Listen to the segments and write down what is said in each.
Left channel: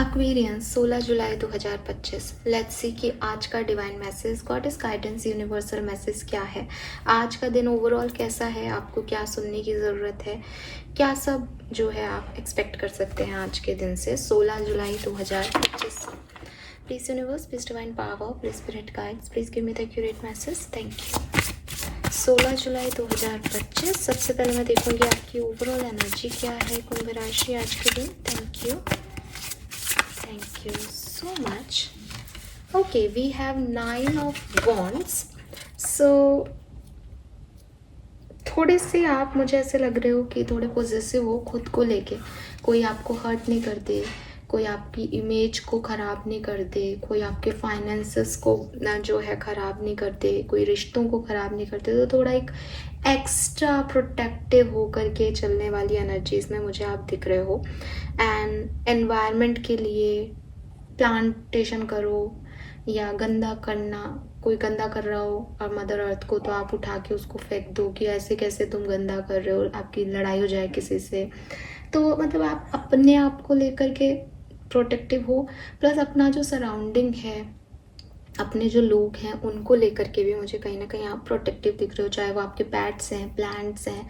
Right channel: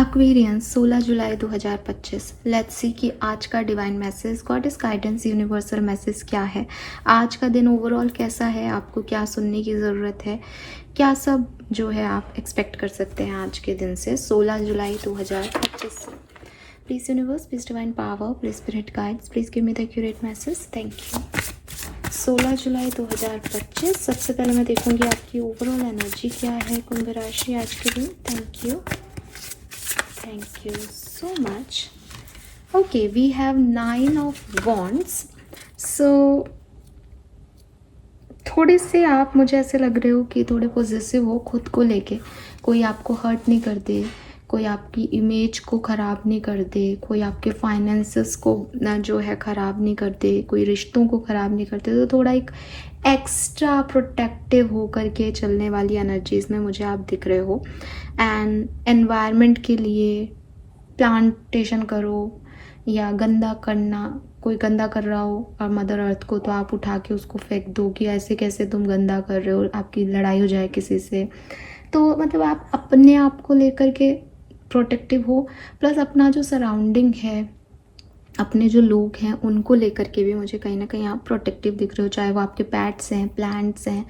Aquarians 16 July 2025। Let's see कि आज का divine message, God is guidance, universal message क्या है। आज का दिन ओवरऑल कैसा है, आपको क्या सुनने की ज़रूरत है, क्या सब जो है आप एक्सपेक्ट कर सकते हैं आज के दिन से 16 जुलाई 2025 से। Please universe, please divine power, please spirit guides, please give me the accurate message. Thank you. 16 जुलाई 2025। सबसे पहले मैं देखूंगी आपकी ओवरऑल एनर्जी क्या है कुंभ राशि आज के दिन। Thank you, thank you so much. Okay, we have 9 of wands. So थोड़े से आप, मुझे ऐसे लग रहे हो कि थोड़े पॉजिटिव हो खुद को लेके। कोई आपको हर्ट नहीं कर दे, कोई आपकी इमेज को ख़राब नहीं कर दे, कोई आपके फाइनेंसेस को जो है ख़राब नहीं कर दे, कोई रिश्तों को ख़राब नहीं करते। तो थोड़ा एक एक्स्ट्रा प्रोटेक्टिव हो करके चलने वाली एनर्जीज़ में मुझे आप दिख रहे हो। एंड एनवायरनमेंट के लिए प्लांटेशन करो या गंदा करना, कोई गंदा कर रहा हो और मदर अर्थ को, तो आप उठा के उसको फेंक दो कि ऐसे कैसे तुम गंदा कर रहे हो, आपकी लड़ाई हो जाए किसी से। तो मतलब आप अपने आप को लेकर के प्रोटेक्टिव हो, प्लस अपना जो सराउंडिंग है, अपने जो लोग हैं उनको लेकर के भी मुझे कहीं ना कहीं आप प्रोटेक्टिव दिख रहे हो। चाहे वो आपके पेट्स हैं, प्लांट्स हैं,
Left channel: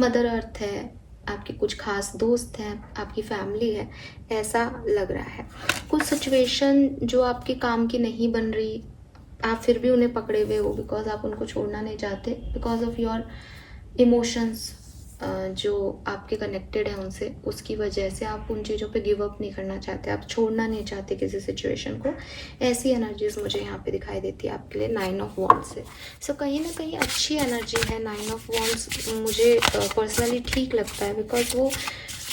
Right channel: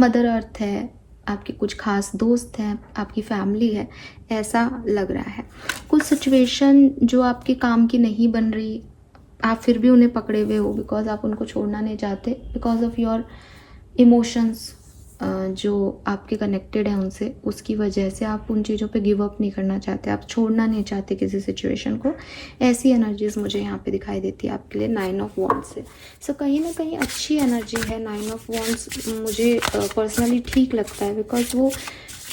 मदर अर्थ है, आपके कुछ खास दोस्त हैं, आपकी फैमिली है, ऐसा लग रहा है। कुछ सिचुएशन जो आपके काम की नहीं बन रही, आप फिर भी उन्हें पकड़े हुए हो बिकॉज आप उनको छोड़ना नहीं चाहते, बिकॉज ऑफ योर इमोशंस जो आपके कनेक्टेड है उनसे, उसकी वजह से आप उन चीज़ों पे गिव अप नहीं करना चाहते, आप छोड़ना नहीं चाहते किसी सिचुएशन को। ऐसी एनर्जीज मुझे यहाँ पे दिखाई देती है आपके लिए 9 ऑफ वॉन्ड्स से। सो कहीं ना कहीं अच्छी एनर्जी है 9 ऑफ वॉन्ड्स। मुझे पर्सनली ठीक लगता है बिकॉज वो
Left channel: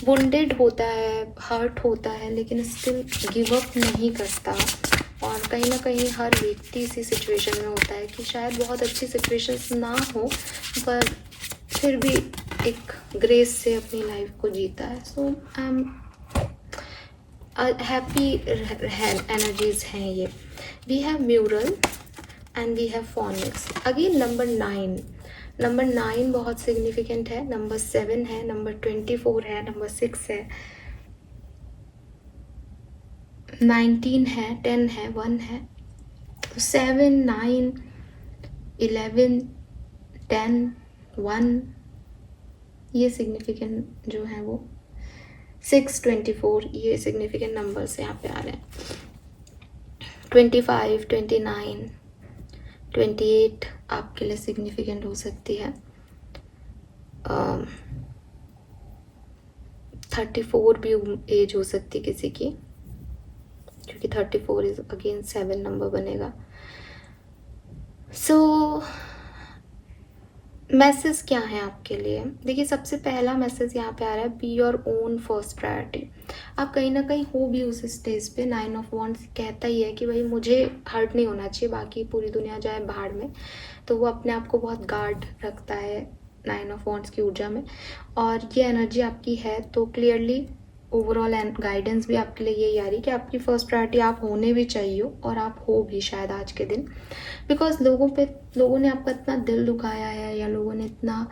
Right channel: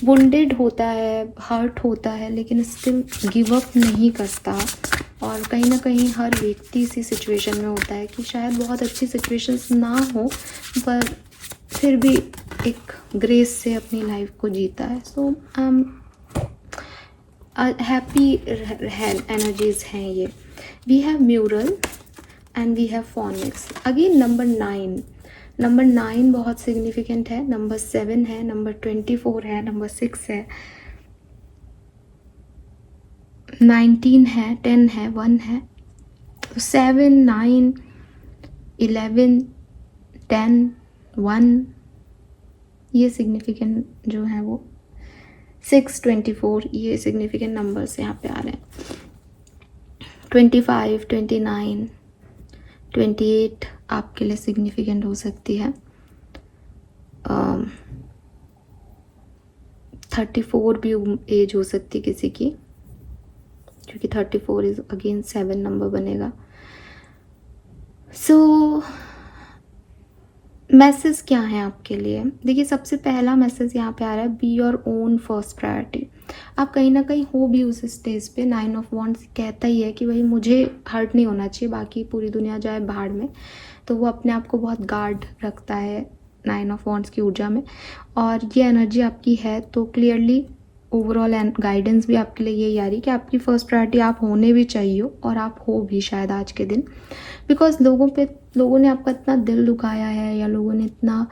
वुंडेड होता है, हर्ट होता है, लेकिन स्टिल गिव अप नहीं करता। और कहीं ना कहीं हर व्यक्ति इसी सिचुएशन में होता है कि शायद बहुत अच्छी सिचुएशंस ना हो पर फिर भी एक ग्रेस से अपनी लाइफ को जीता है। So I am happy energies हैं ये। We have mural and we have phoenix. Again number 9 बहुत सिग्निफिकेंट है, नंबर 7 है, नंबर 24 है, नंबर 6 है, 19 है, 10 है, 1 है। 7, 9, 11, 10, 1 ये सिग्निफिकेंट जो है वो 6, 24 ये सिग्निफिकेंट नंबर्स यहाँ पे आ रहे हैं। 25, 29, 28 आपके लिए सिग्निफिकेंट हो सकती है। 34 भी एज हो सकती है किसी की, क्योंकि 34 इज अगेन 7 नंबर बनेगा। सो मैसेज क्या है आपके लिए? देखिए, सबसे पहला मैसेज यहाँ पे आ रहा है, be your own first priority. आप कहीं ना कहीं हो भी उस स्टेज पे। 9 ऑफ वॉन्ड्स कहता ही है कि भाई मुझे हर्ट नहीं होना चाहिए, बाकी पूरी दुनिया जाए भाड़ में। तो वो अपने आप को बहुत गार्ड रखता है 9 ऑफ वॉन्ड्स की ऊर्जा में, और ये एनर्जी आपकी है। तो क्लियरली ओवरऑल गाइडेंस भी आपके लिए यही आ रही है कि आपकी फर्स्ट प्रायोरिटी आप होने भी चाहिए, और आप हो भी शायद आज के दिन। बिकॉज लोगों ने आपका इतना दिल दुखाया है, या लोगों ने इतना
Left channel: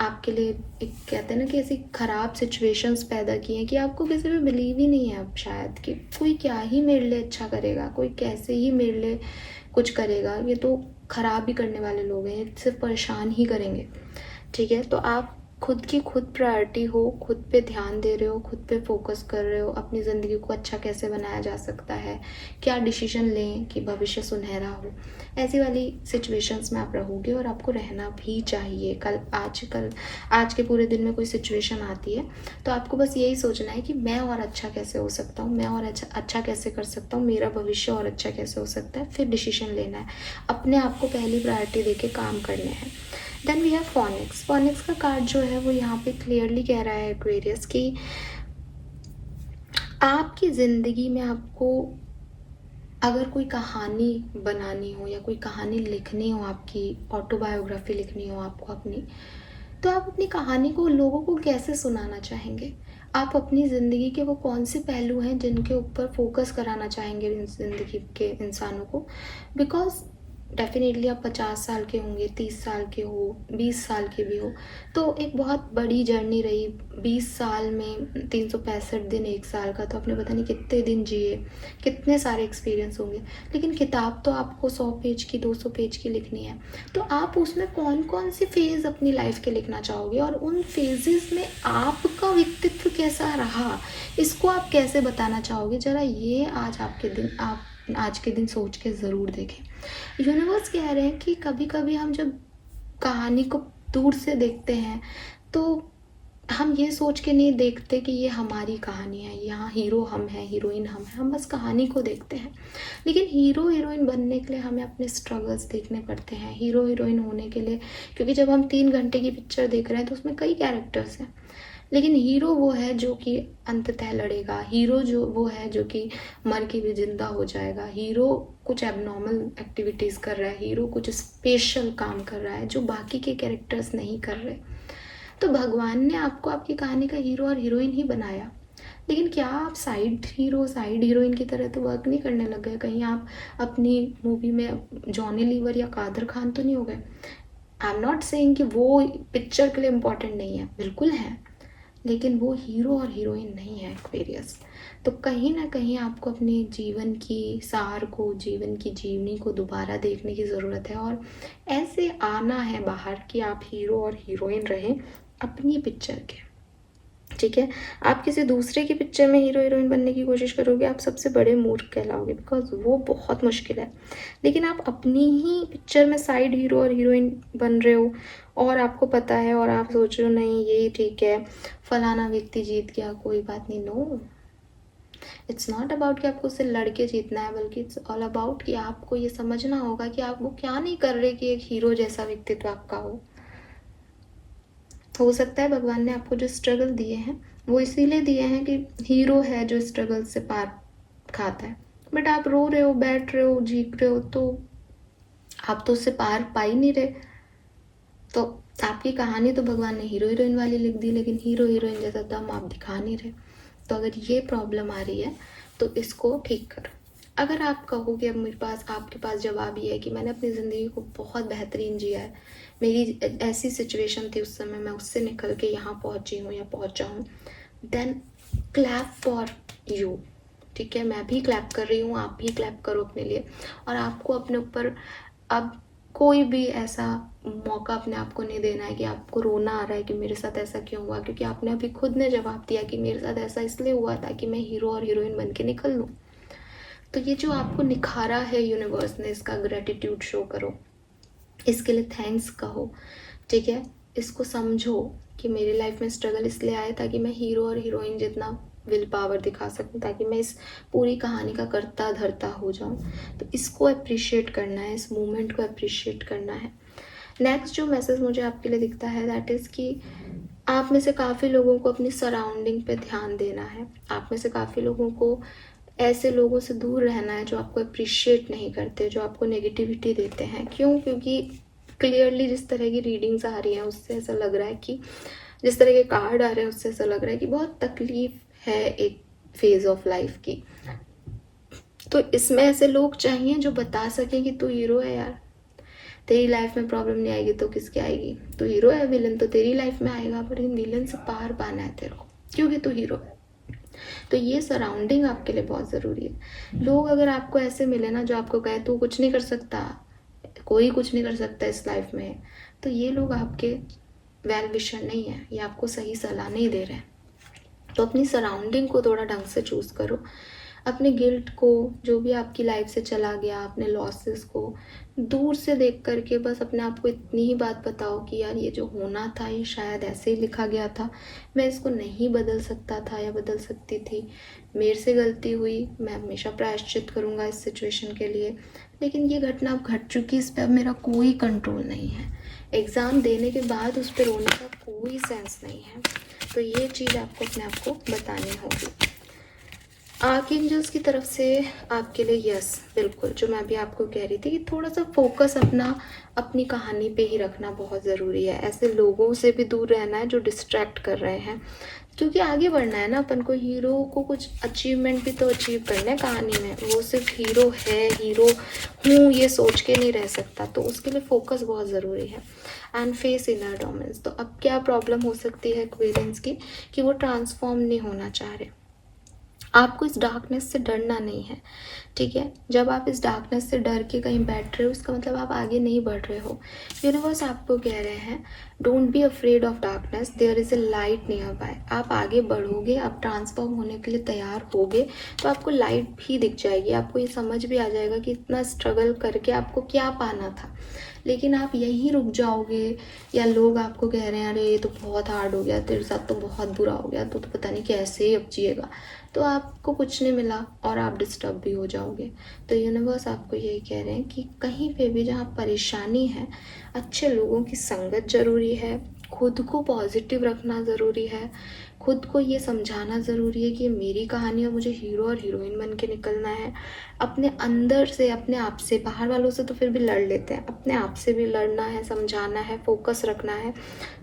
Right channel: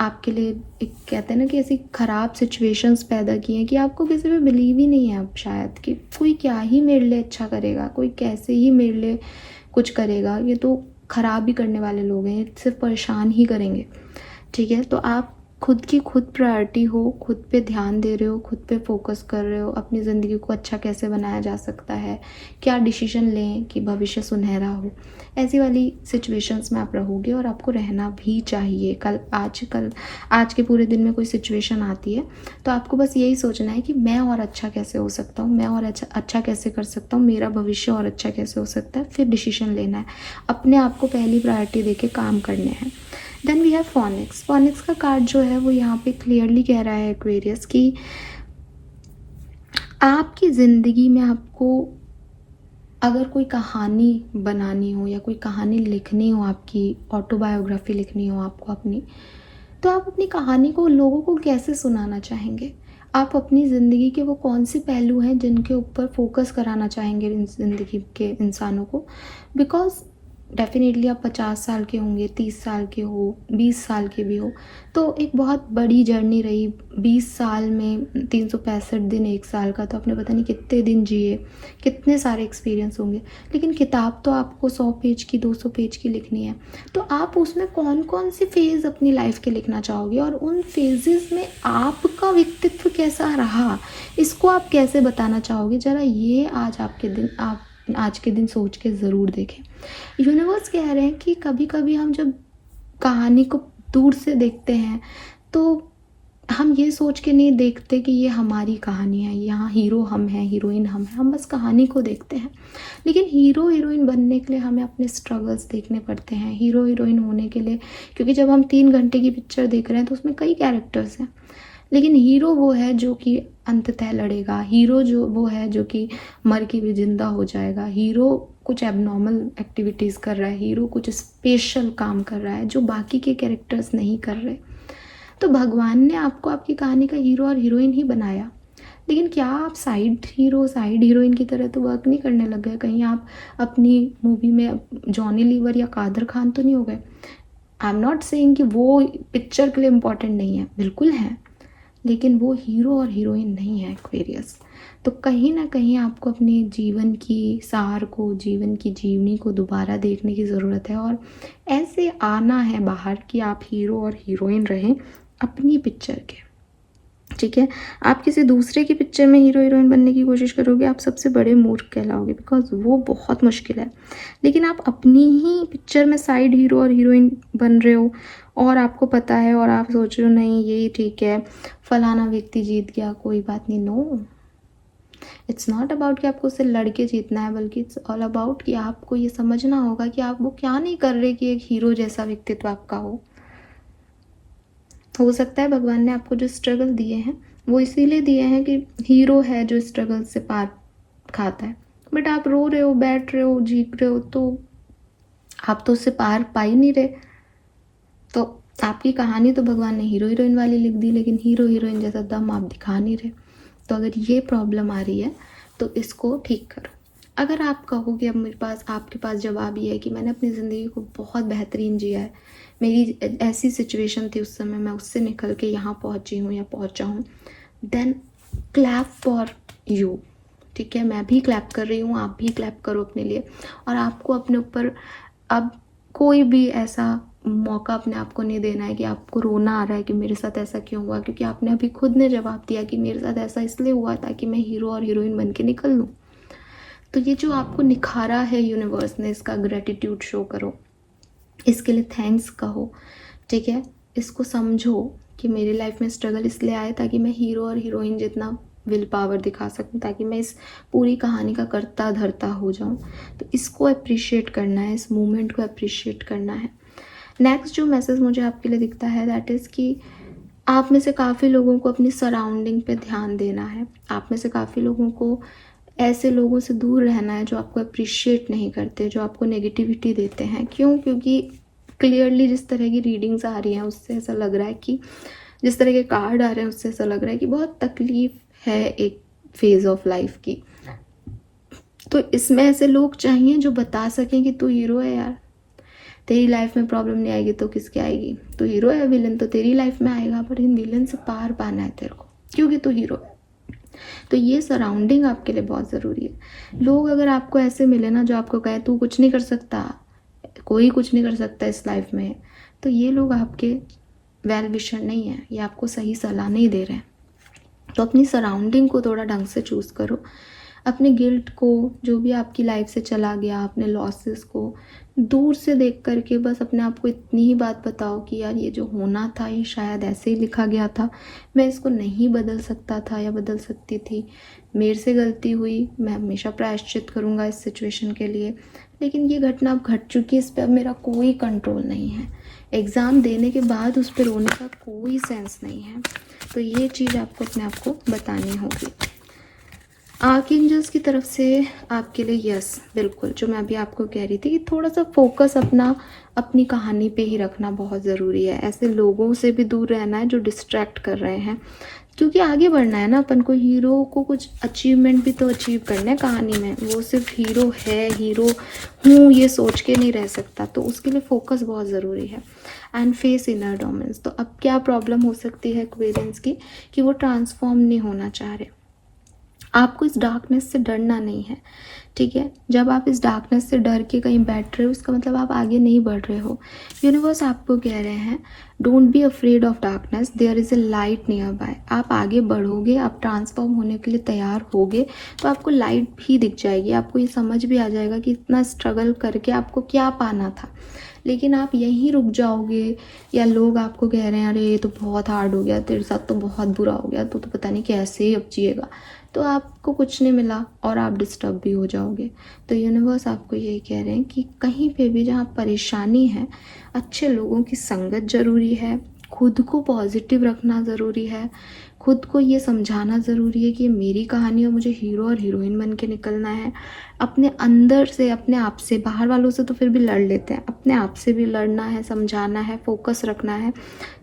आपके लिए एक कहते हैं ना कि ऐसी ख़राब सिचुएशंस पैदा की हैं कि आपको किसी पे बिलीव ही नहीं है अब शायद, कि कोई क्या ही मेरे लिए अच्छा करेगा, कोई कैसे ही मेरे लिए कुछ करेगा, ये तो ख़राब ही करने वाले लोग हैं, ये सिर्फ परेशान ही करेंगे। ठीक है, तो आप खुद की खुद प्रायोरिटी हो, खुद पे ध्यान दे रहे हो, खुद पे फोकस कर रहे हो, अपनी ज़िंदगी को अच्छा कैसे बनाया जा सकता है, क्या डिसीजन लें कि भविष्य सुनहरा हो, ऐसी वाली सिचुएशंस में आप रहोगे, और आपको रहना भी चाहिए। आज के पूरे दिन में कोई सिचुएशन आती है तो आपको बस यही सोचना है कि मैं और अच्छा कैसे हो सकता हूँ, मैं और अच्छा कैसे कर सकता हूँ, मेरा भविष्य और अच्छा कैसे हो सकता है, फिर डिसीजन लेना है, अपने आप को पहली प्रायोरिटी देके काम करने हैं। Then we have phoenix. Phoenix का कार्ड जो है वो यहाँ पे क्लियरली कह रहा है एक्वेरियस कि आपकी ज़िंदगी में आपको अगर कोई कहानी बनानी हो या कोई कहानी लिखनी हो, आपकी ऑटोबायोग्राफी लिखनी हो आपको अपनी, तो आप अपनी कहानी को लोगों को कैसे सुनाना चाहेंगे? आप अपनी ज़िंदगी के वो कौन से पहलू हैं जिनके ऊपर फोकस कराना चाहेंगे ज़िंदगी के इंसानों को? बिकॉज डेफिनेटली आप 50 साल के होंगे, 30 साल के हो, 20 साल के भी हो, तो एक बहुत बड़ी जर्नी रही। 20 साल में 365 दिन, 1 साल का, तो आपने पता नहीं कितने दिन जिए, कितने सारे एक्सपीरियंस होंगे। लेकिन किताब तो आपको 100 पेज की, 200 पेज की लिखनी है, तो आप उसमें कौन कौन से फेज़ अपनी लाइफ के लिखना चाहोगे, और उन फेजेस में आपका व्यक्तित्व कैसा रहा, इसको आप कैसे बताना चाहोगे। ज़रा ये आज के दिन सोच के ज़रूर देखें। यूनिवर्स कह रहे हैं कि कभी कभी हम जब कहानी को दूर से देखते हैं तो हम ये सोच के नहीं देखते कि ये हमारी कहानी है, यहाँ हीरो हम हैं, हीरोइन हम हैं, हम बस कहानी को देखते हैं। लेकिन हीरो हीरोइन बनने के लिए हमें अपने स्ट्रगल्स देखने पड़ते हैं। हीरो हीरोइन होने के लिए, क्योंकि जब हम 3 घंटे की पिक्चर देख रहे हैं तो उसमें कई कैरेक्टर्स हैं, लेकिन हीरो वो है जो कि अंततः लड़ेगा, हीरो जो वो है जो कि मर के भी जिंदा हो जाएगा, हीरो कुछ एबनॉर्मल एक्टिविटीज़ कर रहा है, हीरो कुछ स्पेशल काम कर रहा है जो बाकी के कैरेक्टर्स नहीं कर रहे। तो भगवान ने आपको आपकी कहानी का हीरो और हीरोइन ही बनाया, लेकिन क्या आप साइड हीरो साइड हीरोइन की तरह तो वर्क नहीं करने लग गए? कहीं आप अपनी मूवी में जॉनी लीवर या कादर खान तो नहीं हो गए? आई एम नॉट सेइंग कि वो पिक्चर के लिए इम्पोर्टेंट नहीं है, बिल्कुल है, लेकिन वो हीरो और हीरोइन नहीं है एक्वेरियस। तो कहीं ना कहीं आपको अपने जीवन की सार को, जीवन की जीवनी को दोबारा देखने की ज़रूरत है, और ऐसे आना है बाहर कि आप हीरो और हीरोइन रहें अपनी पिक्चर के। ठीक है, आप किसी दूसरे की पिक्चर में हीरो हीरोइन बनने की कोशिश करोगे, आप सबसे बड़े मूर्ख कहलाओगे, बिकॉज वो बहुत मुश्किल है। लेकिन आप अपनी ही पिक्चर में साइड हीरो और हीरोइन बन रहे हो, और आपको पता है, और आप सोच रहे हो नहीं यही ठीक है, फलाना व्यक्ति जीत गया, कोई बात नहीं। नो, इट्स नॉट अबाउट कि आपको उससे लड़के जीतना है, बल्कि इट्स ऑल अबाउट कि आपको ये समझना होगा कि आप वो क्या नहीं कर रहे कि एक हीरो जैसा व्यक्तित्व आपका हो सकता है भगवान ने आपको जो स्ट्रगल दिए हैं वो इसीलिए दिए हैं कि हीरो है जो स्ट्रगल से पार खाता है, बट आप रो रहे हो, बैठ रहे हो, चीख रहे हो, तो आप तो उससे पार पा ही नहीं रहे। तो आपकी कहानी तो भगवान ने हीरो हीरोइन वाली लिख दी, लेकिन हीरो हीरोइन जैसा दम आप दिखा नहीं रहे। तो अगर ये प्रॉब्लम आ रही है तो इसको ठीक करो। अगर आप कहोगे अब मेरे पास, आपके पास जवाब ये है कि मैंने अपनी ज़िंदगी को बहुत बेहतरीन जिया है, मेरी ऐसी सिचुएशन थी उस समय, मैं उससे निकल के यहाँ पहुँची हूँ या पहुँचा हूँ, देन क्लैप फॉर यू। ठीक है, मैं भी क्लैप कर रही हूँ, आप भी क्लैप करो अपने लिए। और आपको अपने ऊपर अब कोई भी ऐसा मौका अपने आप को नहीं देना है कि आपको रोना आ रहा है कि मेरे साथ ऐसा क्यों हुआ, क्योंकि आपने अभी खुद ने जवाब दिया कि मेरे साथ ऐसा इसलिए हुआ था कि मैं हीरो और हीरोइन बन के निकल लूँ। तो ये जो आपको निखारा है यूनिवर्स ने, इसका ग्रेटिट्यूड शो करो, इसके लिए थैंक्स कहो। ठीक है, इसको समझो कि मेरी लाइफ में स्ट्रगल इसलिए आया ताकि मैं हीरो और हीरोइन जितना विल पावर दिखा सकूं, ताकि मैं इस पूरी कहानी का कर्ता धर्ता हो जाऊं। तो इसको अप्रिशिएट करना है, इस मोमेंट को अप्रिशिएट करना है। नेक्स्ट जो मैसेज मुझे आपके लिए दिखता है दैट इज़ कि आप में से काफ़ी लोगों को अपनी सराउंडिंग पे ध्यान देना है। आप में से काफ़ी लोगों को ऐसे लोगों से दूर रहना है जो आपको अप्रिशिएट नहीं करते, जो आपको नेगेटिविटी देते हैं। क्यों? क्योंकि क्लियरली जिस तरह की रीडिंग्स आ रही हैं उससे ऐसा लग रहा है कि, जिस तरह के कार्ड आ रहे हैं उससे ऐसा लग रहा है कि बहुत तकलीफ है एक फेज़ ऑफ लाइफ की। तो इसमें ऐसे लोग चाहिए जो बता सकें कि तू हीरो है यार, तेरी लाइफ में प्रॉब्लम नहीं आएगी तो किसकी आएगी, तू हीरो है, विलन तो तेरी लाइफ में आएगा, पर इन विलन से पार पाना है तेरे को, क्योंकि तू हीरो है। तो ये सराउंडिंग आपके लिए बहुत ज़रूरी है। लोग अगर आपको ऐसे मिले ना जो आपको कहे तू कुछ नहीं कर सकता, कोई कुछ नहीं कर सकता इस लाइफ में, तो ये लोग आपके वेल विशर नहीं है, ये आपको सही सलाह नहीं दे रहे हैं। तो अपनी सराउंडिंग को थोड़ा ढंग से चूज़ करो। अपने गिल्ट को, जो भी आपकी लाइफ से चला गया, अपने लॉसेस को दूर से देख करके बस अपने आप को इतनी ही बात बताओ कि यार ये जो होना था ये शायद ऐसे ही लिखा गया था, मैं इसको नहीं बदल सकता था या बदल सकती थी, मेरे से गलती हुई, मैं हमेशा प्रायश्चित करूँगा इस सिचुएशन के लिए, लेकिन ये घटना अब घट चुकी है, इस पर अब मेरा कोई कंट्रोल नहीं है। एग्ज़ाम देने के बाद उस पर रोने का कोई सेंस नहीं है। तो ये चीज़ आपको अपने आप को बतानी होगी। आर्कएंजल्स की तरफ से आपके लिए यस, बिल्कुल, जो मैं अभी आपको कह रही थी कि थोड़ा सा फोकस अपनी कहानी पे ही रखना बहुत ज़रूरी है। ऐसे लोगों से भी दूर रहना है जो डिस्ट्रैक्ट कर रहे हैं, क्योंकि आगे बढ़ना है ना अपन को, हीरो को कुछ अचीवमेंट भी तो अचीव करना है कहानी में। वो सिर्फ हीरो है, हीरो हूँ ये सोच के नहीं रह सकता, तो उसके लिए फोकस बहुत ज़रूरी है। एंड फेस इनर डोमेंस, तो अब क्या प्रॉब्लम हो सकती है एक्वेरियंस की, कि वो ट्रांसफॉर्म नहीं होना चाह रहे। आपको इस डार्कनेस से डरना नहीं है, ठीक है। जब आप इस डार्कनेस से डर के कहीं बैठ रहे हो, उसका मतलब आप आगे नहीं बढ़ रहे हो। यूनिवर्स आपको कह रहे हैं don't be afraid of darkness, there is a light nearby. आप आगे बढ़ोगे, आप ट्रांसफॉर्म होने के लिए तैयार होगे, तो आपको लाइट भी दिख जाएगी। आपको ये समझ भी आ जाएगा कि इतना स्ट्रगल करके आपको क्या पाना था। लेकिन आप यहीं रुक जाओगे, या लोग आपको कह रहे हैं अरे ये तो बहुत हार्ड हो गया, तेरे साथ तो बहुत बुरा हो गया, तो पता नहीं कैसे ही अब जिएगा, तो आपको कुछ नहीं मिला और आप डिस्टर्ब भी हो जाओगे। तो यूनिवर्स आपको यही कह रहे हैं कि कहीं पे भी जहाँ परेशानी है, अच्छे लोगों की संगत ज़रूरी है, खुद को पॉजिटिव रखना ज़रूरी है, खुद को ये समझाना ज़रूरी है कि मेरी कहानी है, मुझे हीरो और हीरोइन बन के निकलना है। अपने अंदर से, अपने आप से, बाहर वालों से तो फिर भी लड़ लेते हैं, अपने आप से भी लड़ना है, समझाना है, फोकस रखना है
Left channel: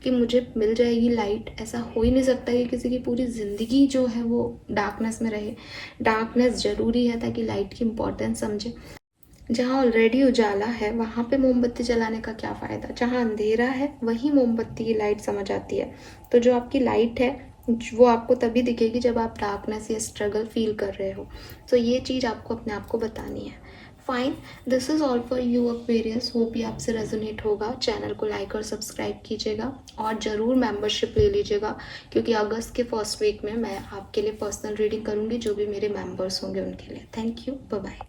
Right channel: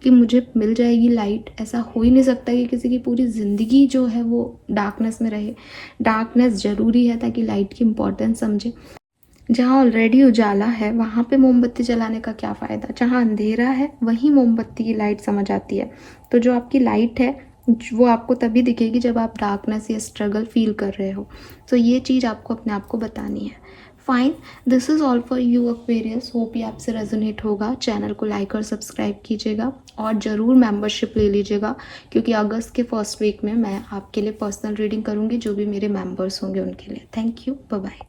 कि मुझे मिल जाएगी लाइट। ऐसा हो ही नहीं सकता कि किसी की पूरी ज़िंदगी जो है वो डार्कनेस में रहे। डार्कनेस ज़रूरी है ताकि लाइट की इम्पोर्टेंस समझे। जहाँ ऑलरेडी उजाला है वहाँ पे मोमबत्ती जलाने का क्या फ़ायदा, जहाँ अंधेरा है वहीं मोमबत्ती की लाइट समझ आती है। तो जो आपकी लाइट है वो आपको तभी दिखेगी जब आप डार्कनेस या स्ट्रगल फील कर रहे हो। तो ये चीज़ आपको अपने आप को बतानी है। Fine, this is all for you Aquarius. Hope ये आपसे रेजोनेट होगा। चैनल को लाइक और सब्सक्राइब कीजिएगा और ज़रूर मेंबरशिप ले लीजिएगा, क्योंकि अगस्त के फर्स्ट वीक में मैं आपके लिए पर्सनल रीडिंग करूँगी, जो भी मेरे मेंबर्स होंगे उनके लिए। Thank you, bye bye.